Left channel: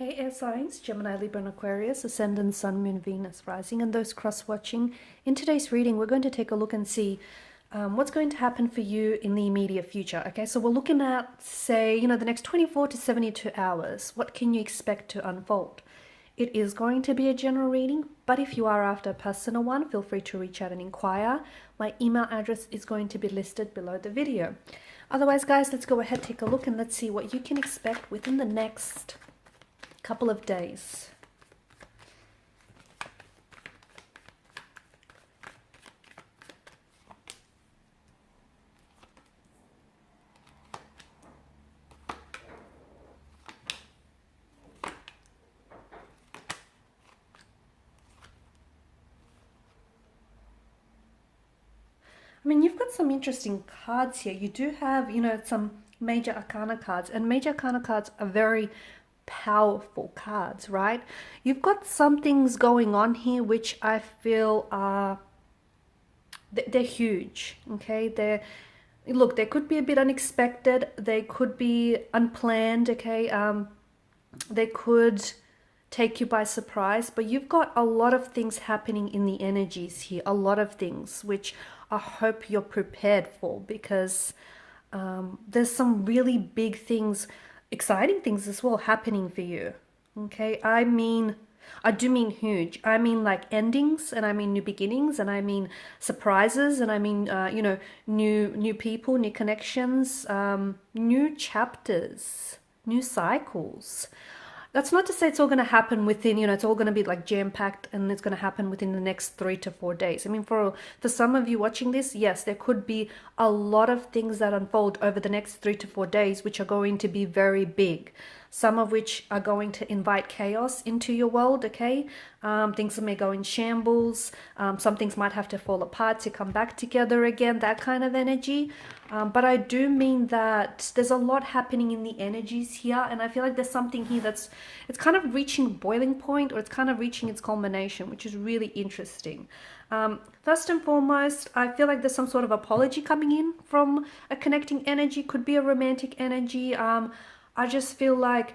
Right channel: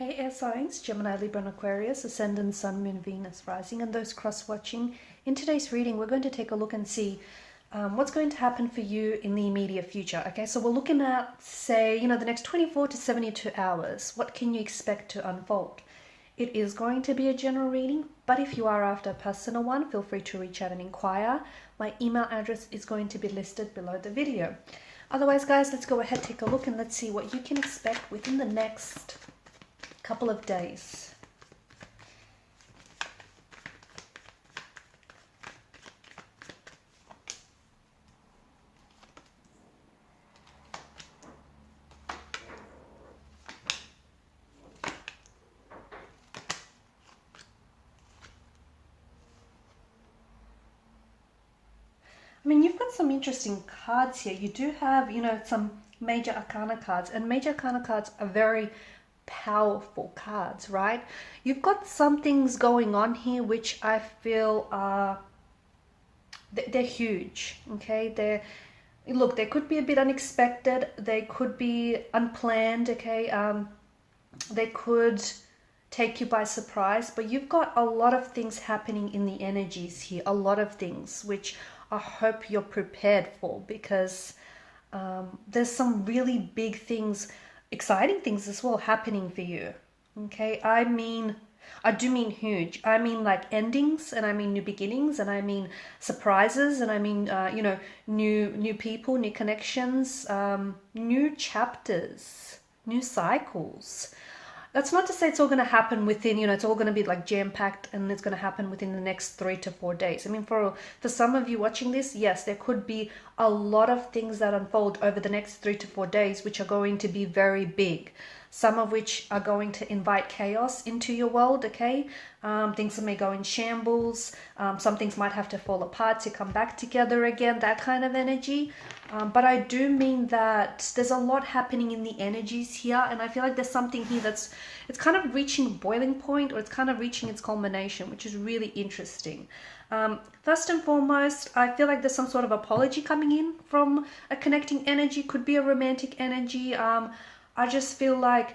Hey air signs, Gemini, Libra and Aquarius, Ascendant, Sun, Moon, Venus, Rising, and those cross-watching. In today's reading, we're going to take a look and see what's going to happen for you in the immediate future. Okay, so we're looking at, say, the next 24 to 72 hours. What can you expect to unfold? It is going to be a general reading, but if you are after a personal one, feel free to reach out and inquire. My email address is going to be listed below the video. Otherwise, guys, let's go ahead, take a look, and let's see what you can expect within the next couple of days. I mean, you've got some interesting cards here. You do have, some major arcana cards, and major arcana cards are very powerful cards, right? You've got some things going on here which I feel are they're huge. Okay, look, they could be a bit unexpected, they could be unplanned. Okay, they could take you by surprise, but you've got a lot of things happening in the energies here, a lot of things which I hope you're prepared for, because there's some really big things, exciting things as well happening for you. Okay, I do mean huge. I mean like endings, and I mean new beginnings, and I mean surprises, and I mean new people, new connections, new chapters, new cycles. That's not to say it's all going to happen within, it's all going to be like jam-packed and it's going to happen within the next 3 to 4 days. I mean, for some of you watching this, yes, there could be a lot of things that unfold over the next 3 to 4 days, which are going to be very big. Some of which are going to invite chaos into your world, okay? Things may go in shambles. Some things might have to fall apart to come back together again, that kind of energy. But I do mean that there's a lot happening in the energies here, and I feel like there's something here it's kind of reaching boiling point, or it's kind of reaching its culmination, which is really interesting. First and foremost, I feel like there's some sort of apology coming in from a connecting energy. Could be a romantic energy. I just feel like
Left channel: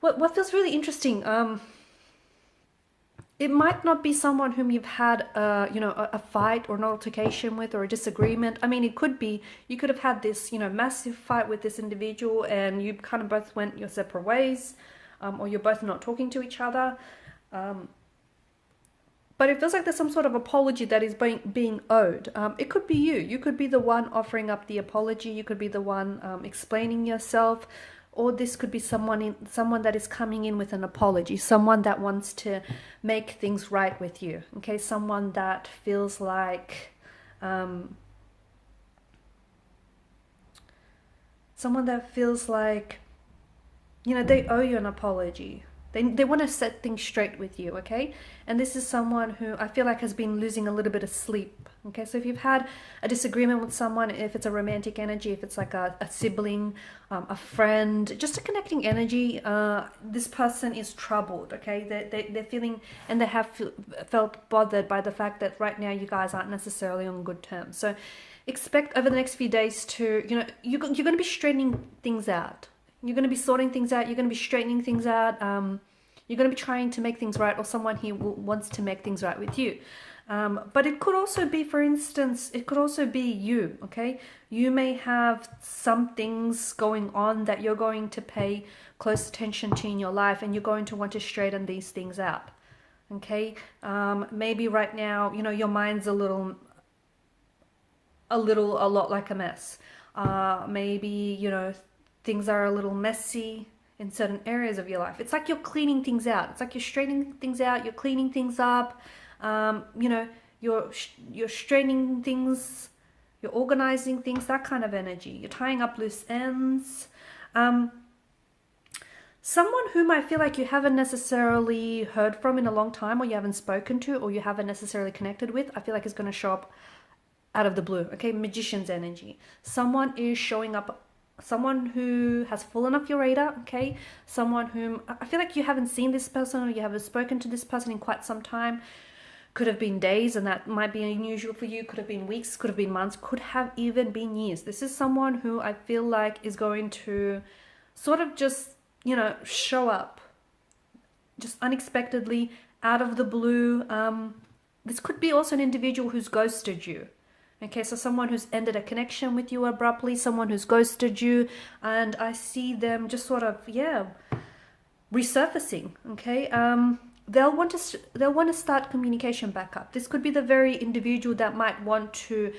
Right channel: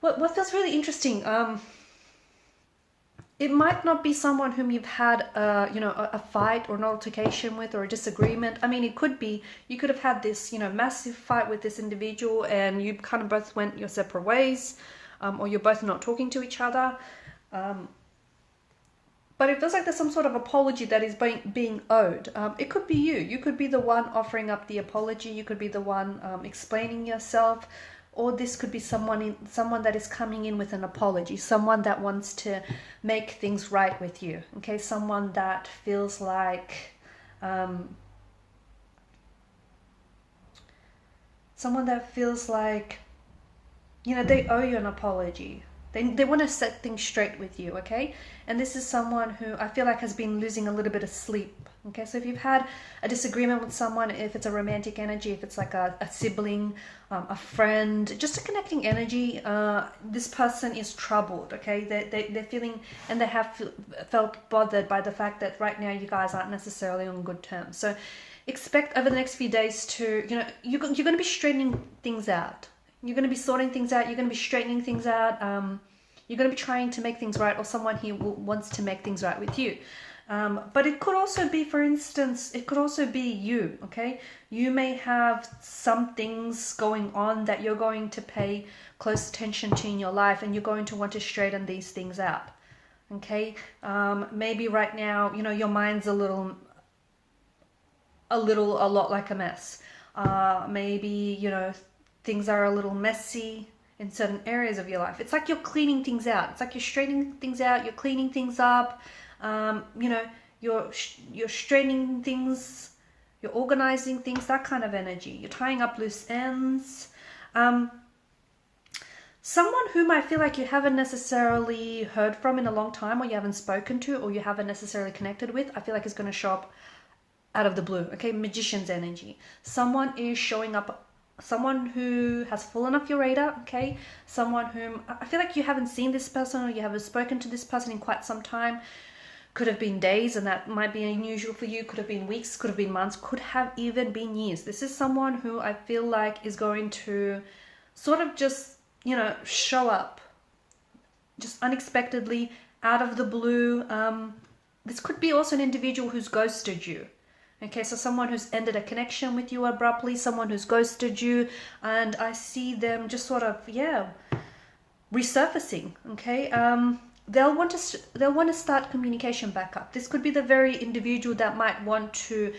what feels really interesting. It might not be someone whom you've had a fight or an altercation with, or a disagreement. I mean, it could be, you could have had this, massive fight with this individual, and you kind of both went your separate ways, or you're both not talking to each other. But it feels like there's some sort of apology that is being owed. It could be you. You could be the one offering up the apology. You could be the one explaining yourself. Or this could be someone that is coming in with an apology, someone that wants to make things right with you. Okay, someone that feels like they owe you an apology. They want to set things straight with you. Okay, and this is someone who I feel like has been losing a little bit of sleep. Okay, so if you've had a disagreement with someone, if it's a romantic energy, if it's like a sibling, a friend, just a connecting energy, this person is troubled. Okay, they're feeling, and they have felt bothered by the fact that right now you guys aren't necessarily on good terms. So expect over the next few days to, you're going to be straightening things out. You're going to be sorting things out. You're going to be straightening things out. You're going to be trying to make things right, or someone here wants to make things right with you. But it could also be, for instance, it could also be you, okay? You may have some things going on that you're going to pay close attention to in your life, and you're going to want to straighten these things out, okay? Maybe right now, your mind's a lot like a mess. Maybe, things are a little messy in certain areas of your life. It's like you're cleaning things out. It's like you're straightening things out, you're cleaning things up. You're straightening things, you're organizing things, that kind of energy. You're tying up loose ends. Someone whom I feel like you haven't necessarily heard from in a long time, or you haven't spoken to, or you haven't necessarily connected with, I feel like is going to show up out of the blue. Okay, magician's energy. Someone is showing up, someone who has fallen off your radar. Okay, someone whom I feel like you haven't seen this person, or you haven't spoken to this person in quite some time. Could have been days, and that might be unusual for you. Could have been weeks, could have been months, could have even been years. This is someone who I feel like is going to sort of just, show up just unexpectedly, out of the blue. This could be also an individual who's ghosted you. Okay, so someone who's ended a connection with you abruptly, someone who's ghosted you, and I see them just sort of, resurfacing. Okay, they'll want to start communication back up. This could be the very individual that might want to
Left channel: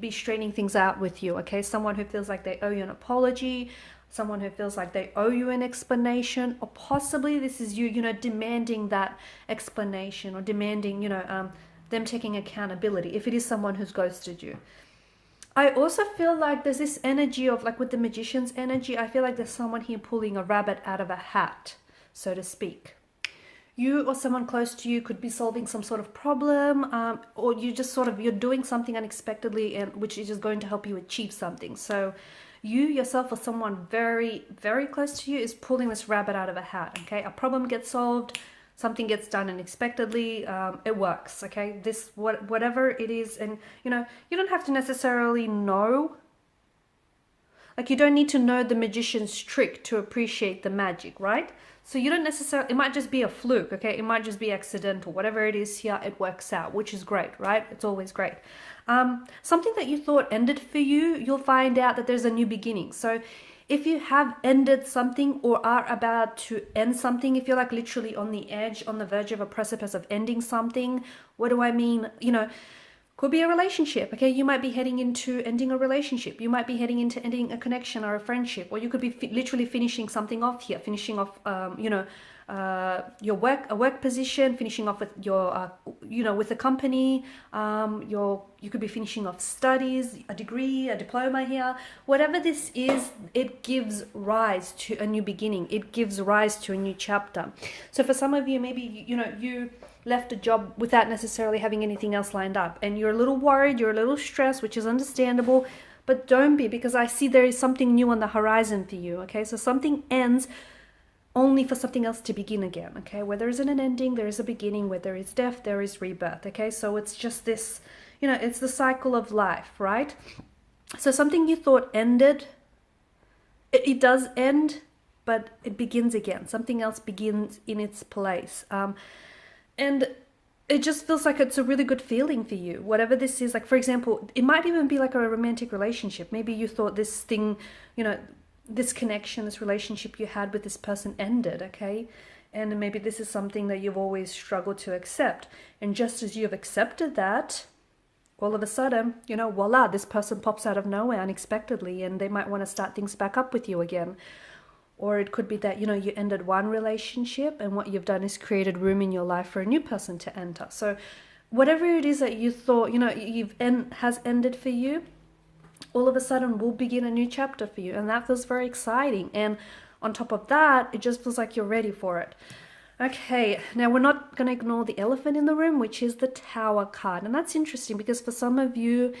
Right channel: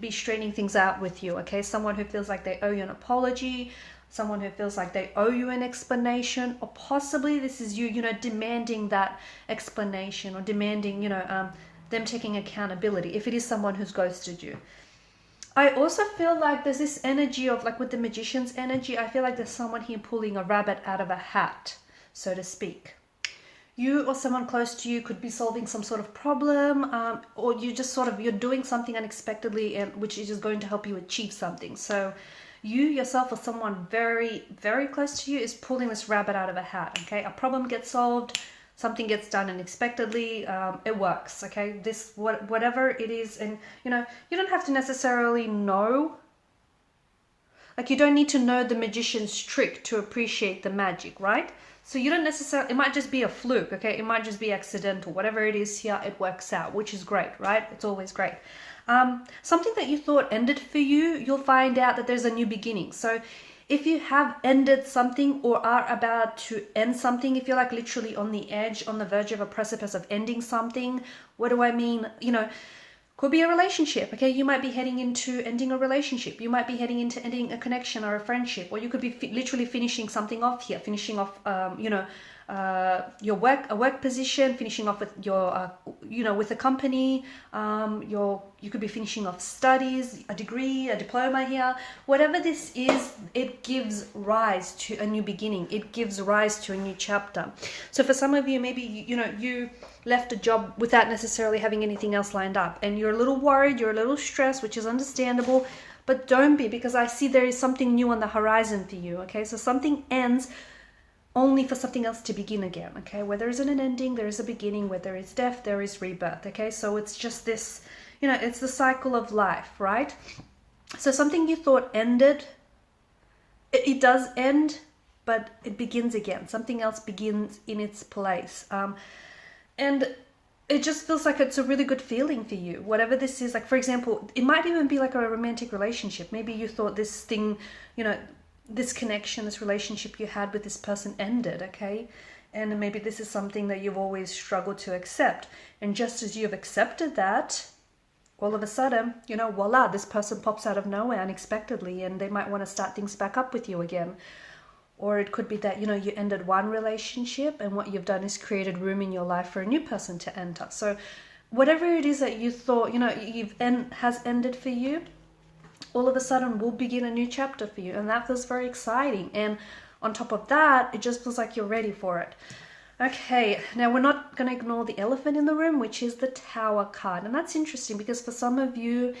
be straightening things out with you. Okay, someone who feels like they owe you an apology, someone who feels like they owe you an explanation, or possibly this is you, demanding that explanation, or demanding, them taking accountability if it is someone who's ghosted you. I also feel like there's this energy of, like with the magician's energy, I feel like there's someone here pulling a rabbit out of a hat, so to speak. You or someone close to you could be solving some sort of problem, or you just you're doing something unexpectedly, and which is just going to help you achieve something. So you yourself or someone very, very close to you is pulling this rabbit out of a hat. Okay, a problem gets solved, something gets done unexpectedly, it works. Okay, whatever it is, and you don't have to necessarily know. Like, you don't need to know the magician's trick to appreciate the magic, right? So you don't necessarily, it might just be a fluke, okay? It might just be accidental. Whatever it is here, it works out, which is great, right? It's always great. Something that you thought ended for you, you'll find out that there's a new beginning. So if you have ended something or are about to end something, if you're like literally on the edge, on the verge of a precipice of ending something, what do I mean? Could be a relationship, okay? You might be heading into ending a relationship. You might be heading into ending a connection or a friendship, or you could be literally finishing something off here, finishing off, your work position, finishing off with your, with a company. You could be finishing off studies, a degree, a diploma here. Whatever this is, it gives rise to a new beginning. It gives rise to a new chapter. So for some of you, maybe, you left a job without necessarily having anything else lined up, and you're a little worried, you're a little stressed, which is understandable, but don't be, because I see there is something new on the horizon for you. Okay, so something ends only for something else to begin again. Okay, where there isn't an ending, there is a beginning. Where there is death, there is rebirth. Okay, so it's just this, it's the cycle of life, right? So something you thought ended, it does end, but it begins again. Something else begins in its place. And it just feels like it's a really good feeling for you, whatever this is. Like, for example, it might even be like a romantic relationship. Maybe you thought this thing, this connection, this relationship you had with this person ended, okay? And maybe this is something that you've always struggled to accept. And just as you've accepted that, all of a sudden, voila, this person pops out of nowhere unexpectedly, and they might want to start things back up with you again. Or it could be that, you ended one relationship, and what you've done is created room in your life for a new person to enter. So whatever it is that you thought, has ended for you, all of a sudden will begin a new chapter for you. And that feels very exciting. And on top of that, it just feels like you're ready for it. Okay, now we're not going to ignore the elephant in the room, which is the Tower card. And that's interesting because for some of you,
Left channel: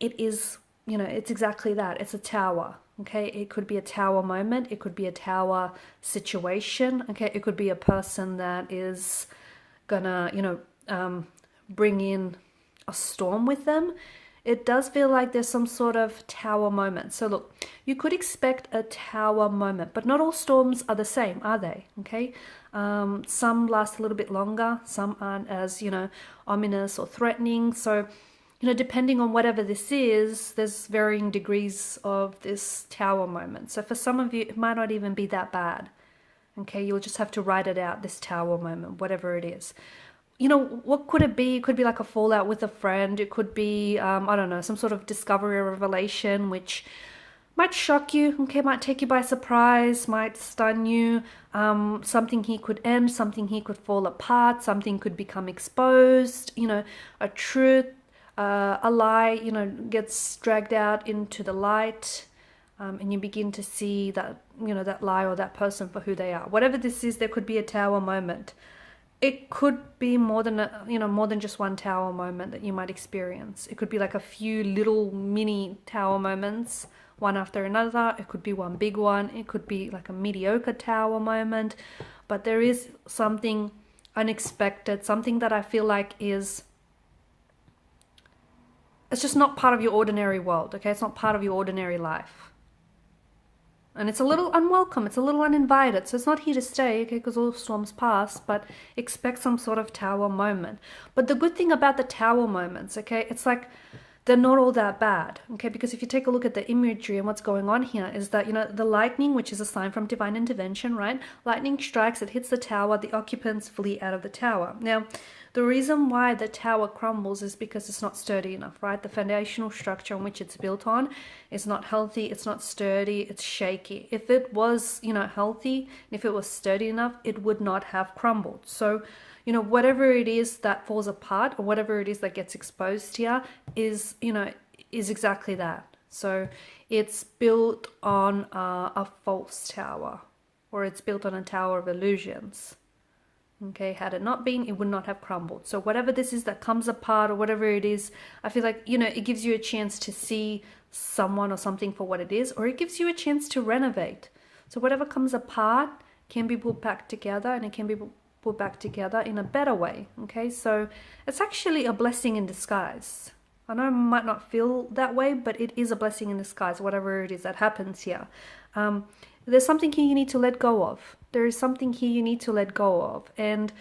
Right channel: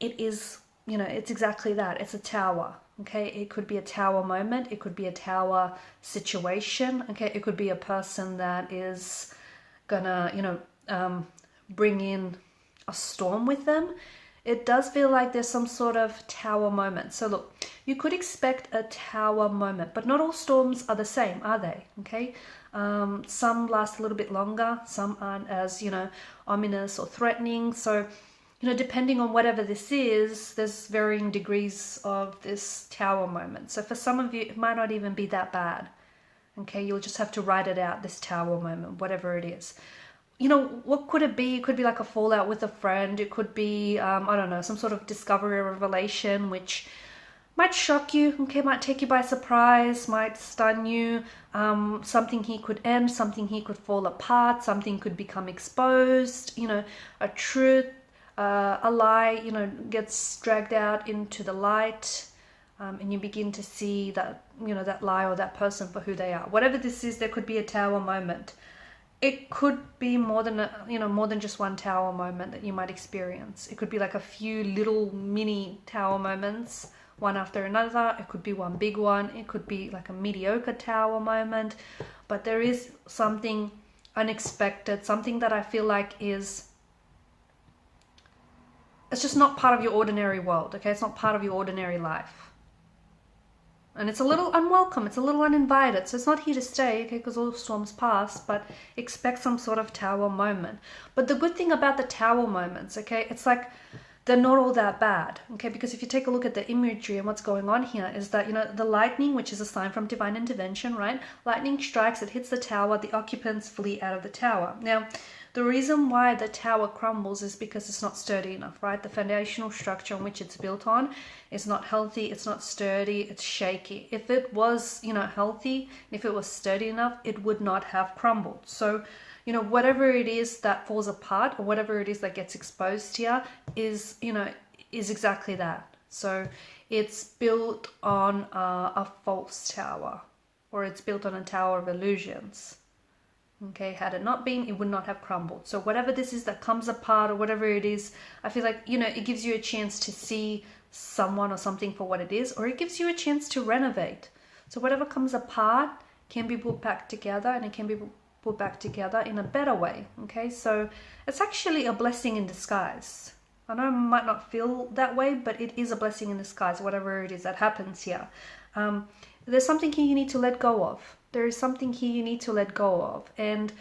it is, it's exactly that. It's a tower. Okay, it could be a tower moment. It could be a tower situation. Okay, it could be a person that is gonna, bring in a storm with them. It does feel like there's some sort of tower moment. So look, you could expect a tower moment, but not all storms are the same, are they? Okay, some last a little bit longer. Some aren't as, ominous or threatening. So, depending on whatever this is, there's varying degrees of this tower moment. So for some of you, it might not even be that bad. Okay, you'll just have to write it out, this tower moment, whatever it is. What could it be? It could be like a fallout with a friend. It could be, some sort of discovery or revelation, which might shock you, okay, might take you by surprise, might stun you. Something here could end, something here could fall apart, something could become exposed, a truth. A lie, gets dragged out into the light, and you begin to see that, that lie or that person for who they are. Whatever this is, there could be a tower moment. It could be more than just one tower moment that you might experience. It could be like a few little mini tower moments, one after another. It could be one big one. It could be like a mediocre tower moment. But there is something unexpected, something that I feel like it's just not part of your ordinary world, okay? It's not part of your ordinary life. And it's a little unwelcome, it's a little uninvited. So it's not here to stay, okay, because all the storms pass, but expect some sort of tower moment. But the good thing about the tower moments, okay, it's like they're not all that bad, okay, because if you take a look at the imagery and what's going on here is that, you know, the lightning, which is a sign from divine intervention, right? Lightning strikes, it hits the tower, the occupants flee out of the tower. Now, the reason why the tower crumbles is because it's not sturdy enough, right? The foundational structure on which it's built on is not healthy, it's not sturdy, it's shaky. If it was, you know, healthy, if it was sturdy enough, it would not have crumbled. So, you know, whatever it is that falls apart or whatever it is that gets exposed here is, you know, is exactly that. So it's built on a false tower, or it's built on a tower of illusions. Okay, had it not been, it would not have crumbled. So whatever this is that comes apart or whatever it is, I feel like, you know, it gives you a chance to see someone or something for what it is, or it gives you a chance to renovate. So whatever comes apart can be put back together, and it can be put back together in a better way. Okay, so it's actually a blessing in disguise. I know it might not feel that way, but it is a blessing in disguise, whatever it is that happens here. There's something here you need to let go of. There is something here you need to let go of. And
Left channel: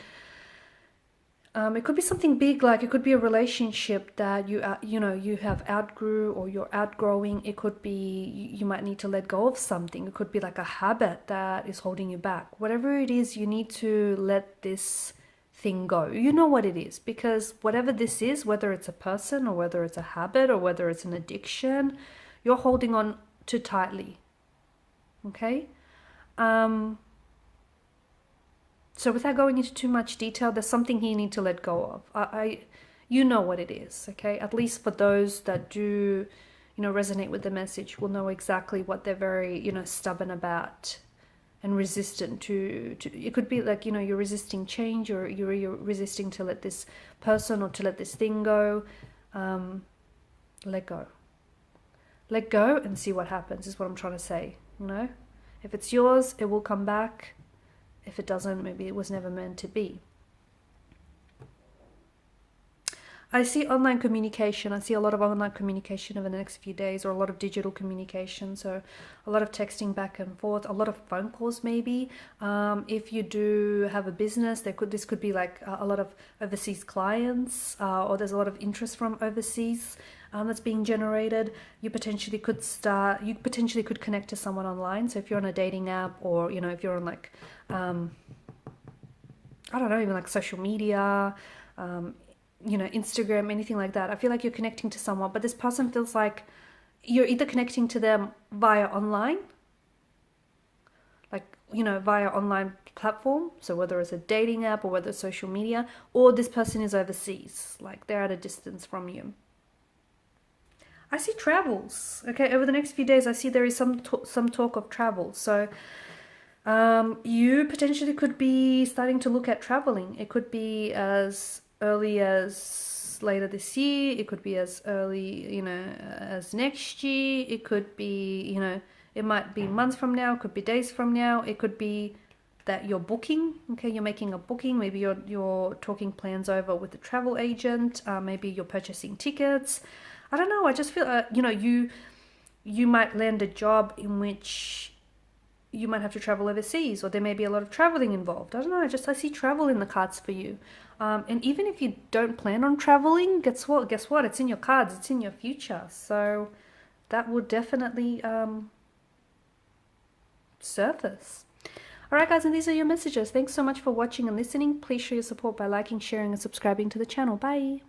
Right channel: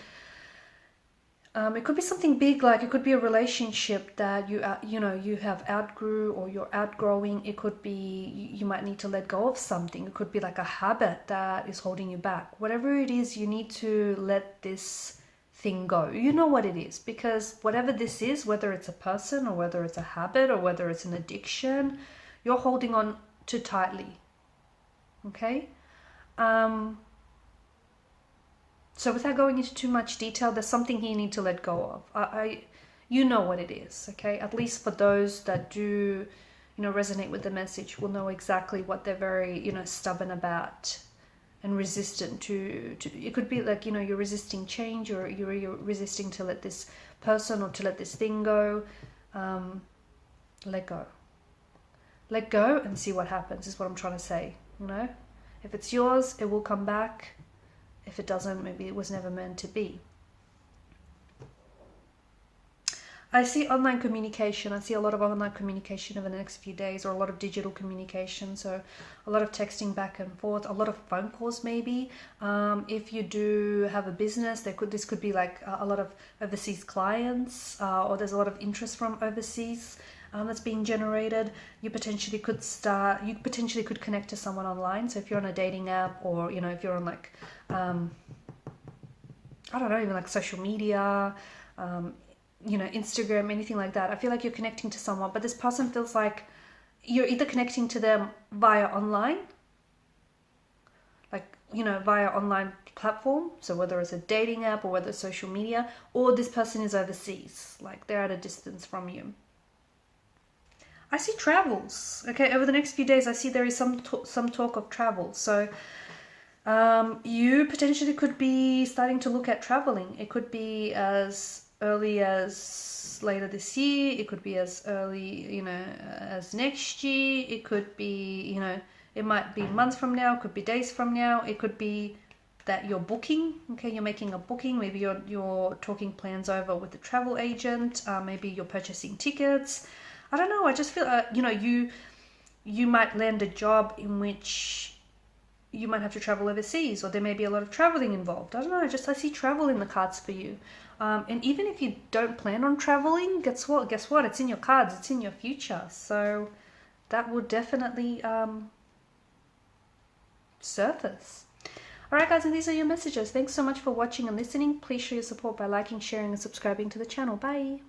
it could be something big, like it could be a relationship that you have outgrew or you're outgrowing. It could be you might need to let go of something. It could be like a habit that is holding you back. Whatever it is, you need to let this thing go. You know what it is, because whatever this is, whether it's a person or whether it's a habit or whether it's an addiction, you're holding on too tightly. Okay? So without going into too much detail, there's something here you need to let go of. You know what it is, okay? At least for those that do, you know, resonate with the message, will know exactly what they're very, you know, stubborn about and resistant to. It could be like, you know, you're resisting change, or you're resisting to let this person or to let this thing go. Let go. Let go and see what happens is what I'm trying to say, you know? If it's yours, it will come back. If it doesn't, maybe it was never meant to be. I see online communication. I see a lot of online communication over the next few days, or a lot of digital communication. So a lot of texting back and forth, a lot of phone calls maybe. If you do have a business, this could be like a lot of overseas clients, or there's a lot of interest from overseas that's being generated. You potentially could connect to someone online. So if you're on a dating app, or, you know, if you're on like, I don't know, even like social media, you know, Instagram, anything like that. I feel like you're connecting to someone, but this person feels like you're either connecting to them via online, like, you know, via online platform. So whether it's a dating app or whether it's social media, or this person is overseas, like they're at a distance from you. I see travels. Okay, over the next few days, I see there is some talk of travel. So you potentially could be starting to look at traveling. It could be as early as later this year. It could be as early, you know, as next year. It could be, you know, it might be months from now. It could be days from now. It could be that you're booking. Okay, you're making a booking. Maybe you're talking plans over with the travel agent. Maybe you're purchasing tickets. I don't know. I just feel, you know, you might land a job in which you might have to travel overseas, or there may be a lot of traveling involved. I don't know. I see travel in the cards for you. And even if you don't plan on traveling, guess what? It's in your cards. It's in your future. So that will definitely surface. All right, guys, and these are your messages. Thanks so much for watching and listening. Please show your support by liking, sharing, and subscribing to the channel. Bye.